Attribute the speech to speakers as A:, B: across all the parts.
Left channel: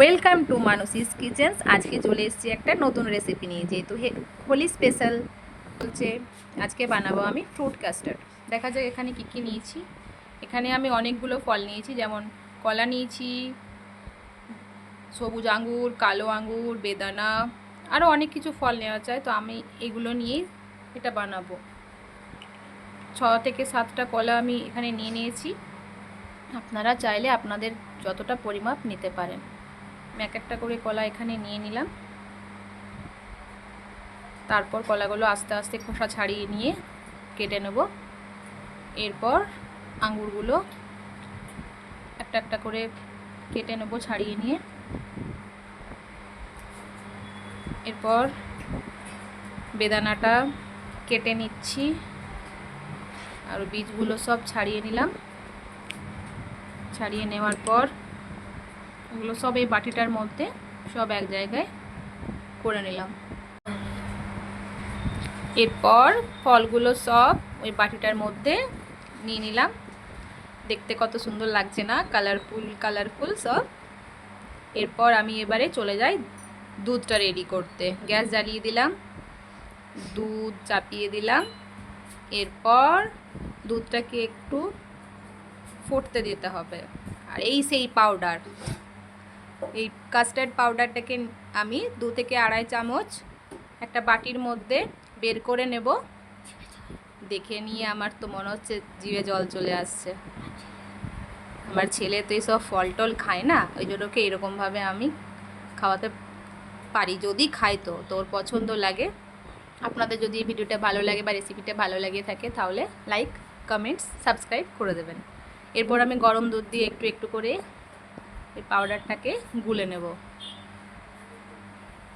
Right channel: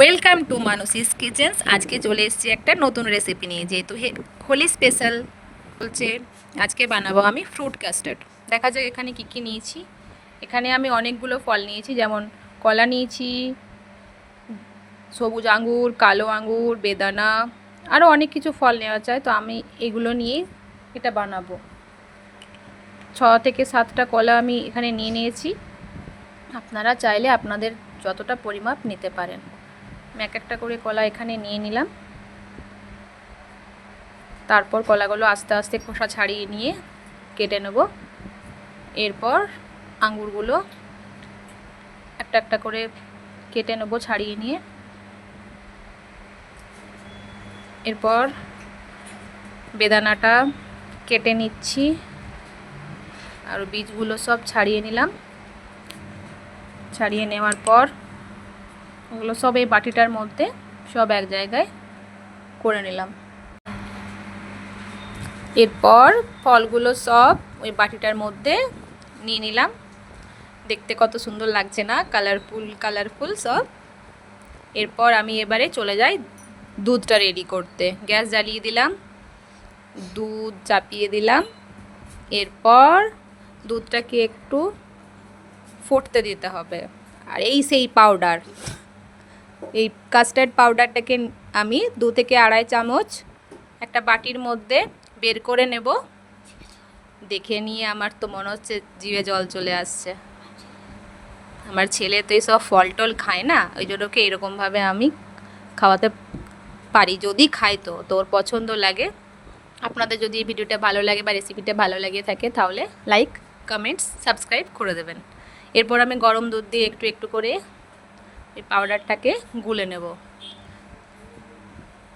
A: Welcome to মানসিস kitchens. আজকে চলে এসেছি একটা নতুন রেসিপি নিয়ে, যেহেতু হে হোলি স্পেশাল বলছে, আজকে বানাবো আমি ফ্রুট কাস্টার্ড দেখা যাক এখানে কী কী নিয়েছি। এখানে আমি অনেকগুলো ফল নিয়েছি, যেমন কলা নিয়েছি, সবুজ আঙ্গুর, কালো আঙ্গুর, বেদানা আরও অনেক কিছু ফল নেওয়া যায় তো আমি এগুলো নিয়েই এটা বানাবো। ছ থেকে সাতটা কলা আমি এখানে নিয়ে নিয়েছি। আপনারা চাইলে আপনাদের যতটা পরিমাপ নিতে পারেন। এক একটা করে কলা এখানে নিয়ে নিলাম। তারপর কলাগুলো আস্তে আস্তে খোসা ছাড়িয়ে নিয়ে কেটে নেব। এরপর আঙ্গুরগুলো একটা একটা করে কেটে নেব ছাড়িয়ে নিয়ে। এরপর বেদানাটা কেটে নিচ্ছি। আর বীজগুলো সব ছাড়িয়ে নিলাম। ছাড়িয়ে নেওয়ার পর ওগুলো সব এই বাটিটার মধ্যে সব এক জায়গায় করে নিলাম। এরপর ফলগুলো সব ওই বাটিটার মধ্যে নিয়ে নিলাম। দেখতে কত সুন্দর লাগছে না? কালারফুল কালারফুল সব। এরপর আমি এবারে চলে যাই দুধটা রেডি করতে। গ্যাস জ্বালিয়ে দিলাম, দুধ চাপিয়ে দিলাম। এরপর দুধটাকে একটু ফুটতে দিতে হবে। আর এই সেই পাউডার এই কাস্টার্ড পাউডারটাকে আমি দু থেকে আড়াই চামচ একটা বাটির মধ্যে বের করে নেব। দেখে নিয়ে আমার তো মনে হচ্ছে জিভে জল চলে আসছে। আমার ছেলে তো এইসব ফল টল খায় না, ওই জন্য ওকে এরকমভাবে আমি খাওয়াতে পারি, যদি খাই তো তোর পছন্দ লাগে। আপনাদের যদি এই ভিডিওটা ভালো লাগে বা রেসিপিটা ভালো লাগে থাকে তাহলে লাইক কমেন্টস সাবস্ক্রাইব করে দেবেন। এরপর আমি গরম দুধ দিয়ে একটু একটু করে এই পাউডারটাকে গুলে নেব।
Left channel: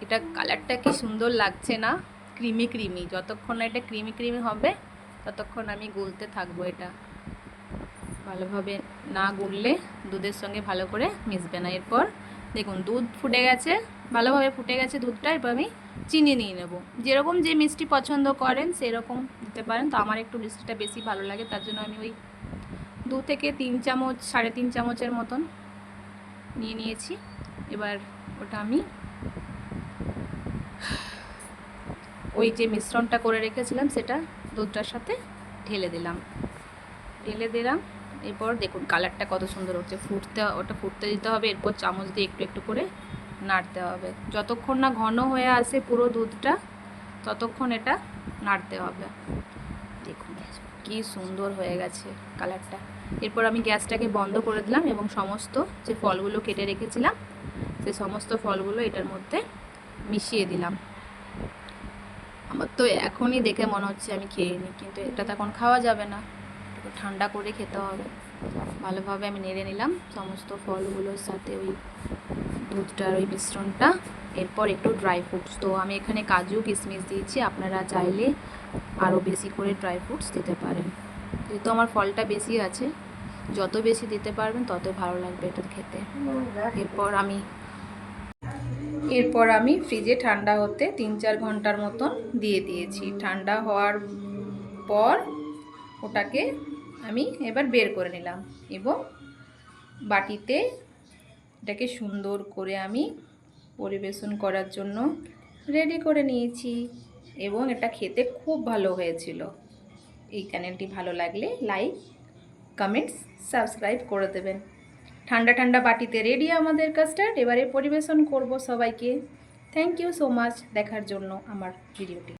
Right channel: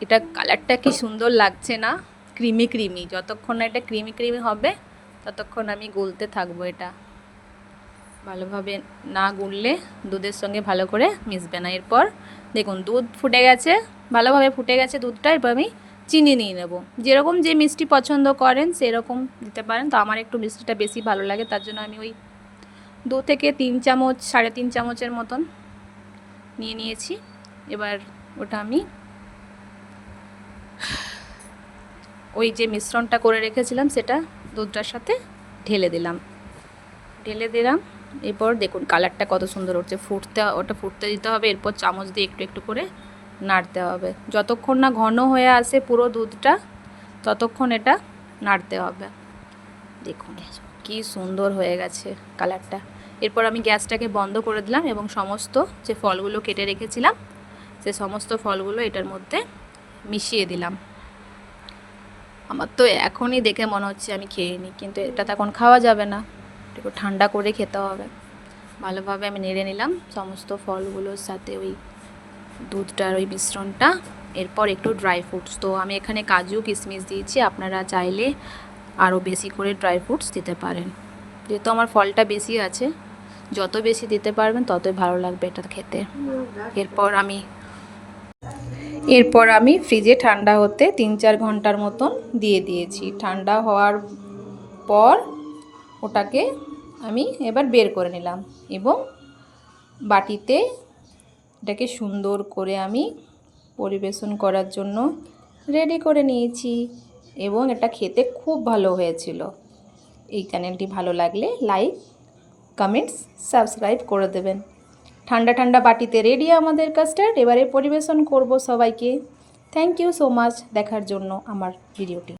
A: এটা কালারটা কি সুন্দর লাগছে না? ক্রিমি ক্রিমি যতক্ষণ না এটা ক্রিমি ক্রিমি হবে, ততক্ষণ আমি গুলতে থাকব এটা। ভালোভাবে না গুললে দুধের সঙ্গে ভালো করে মিশবে না। এরপর দেখুন, দুধ ফুটে গেছে, ভালোভাবে ফুটে গেছে দুধটা, এরপর আমি চিনি নিয়ে নেব। যেরকম যে মিষ্টি পছন্দ করেন, সেরকম দিতে পারেন। তো আমার একটু মিষ্টিটা বেশি ভালো লাগে, তার জন্য আমি ওই দু থেকে তিন চামচ, সাড়ে তিন চামচের মতন নিয়ে নিয়েছি। এবার ওটা আমি ওই যে মিশ্রণটা করে রেখেছিলাম, সেটা দুধটার সাথে ঢেলে দিলাম। ঢেলে দিলাম, এরপর দেখুন কালারটা কত সুন্দর হচ্ছে। ফুটতে, ওটা ফুটতে দিতে হবে, এরপর চামচ দিয়ে একটু একটু করে নাড়তে হবে। যতক্ষণ না ঘন হয়ে আসে পুরো দুধটা, ততক্ষণ এটা নাড়তে হবে। দেখুন, কি সুন্দর হয়ে গেছে কালারটা। এরপর আমি গ্যাসটাকে বন্ধ করে দিলাম এবং সমস্ত যে ফলগুলো কেটে রেখেছিলাম, সে সমস্ত ফলগুলো এটার মধ্যে মিশিয়ে দিলাম। আমার তো এখনই দেখে মনে হচ্ছে আমি খেয়ে নিই, কিন্তু এটা তো এখন খাওয়া যাবে না। একটু ঠান্ডা করে খেতে হবে। ভালোভাবে আমি নেড়ে নিলাম সমস্ত ফলগুলোর সাথে ওই দুধটার ওই মিশ্রণটা। এরপর একটু ড্রাই ফ্রুটস তো আমি এখানে কাজু, কিশমিশ দিয়েছি। আপনারা চাইলে আরও বেশি করে ড্রাই ফ্রুটস দিতে পারেন। যেহেতু আমার ফলটা বেশি আছে, যত বেশি দিতে পারবেন ততই ভালো লাগবে এটা খেতে। এরপর আমি এরপর আমি ফ্রিজে ঠান্ডা হতে তিন চার ঘণ্টার মতন দিয়ে দিয়েছি। ঠান্ডা হওয়ার পর ওটাকে আমি এবার বের করে নিলাম এবং বাটিতে এটাকে সুন্দর করে আমি পরিবেশন করার জন্য রেডি করে নিয়েছি এবং এটা খেতে খুব ভালো হয়েছিল। এই চ্যানেলটি ভালো লাগলে লাইক, কমেন্টস, সাবস্ক্রাইব করে দেবেন। ঠান্ডা ঠান্ডা বাটিতে রেডি আমাদের কাস্টার্ড, এবারে পরিবেশন করব সবাইকে। থ্যাংক ইউ সো মাচ দেখার জন্য আমার ভিডিওটি।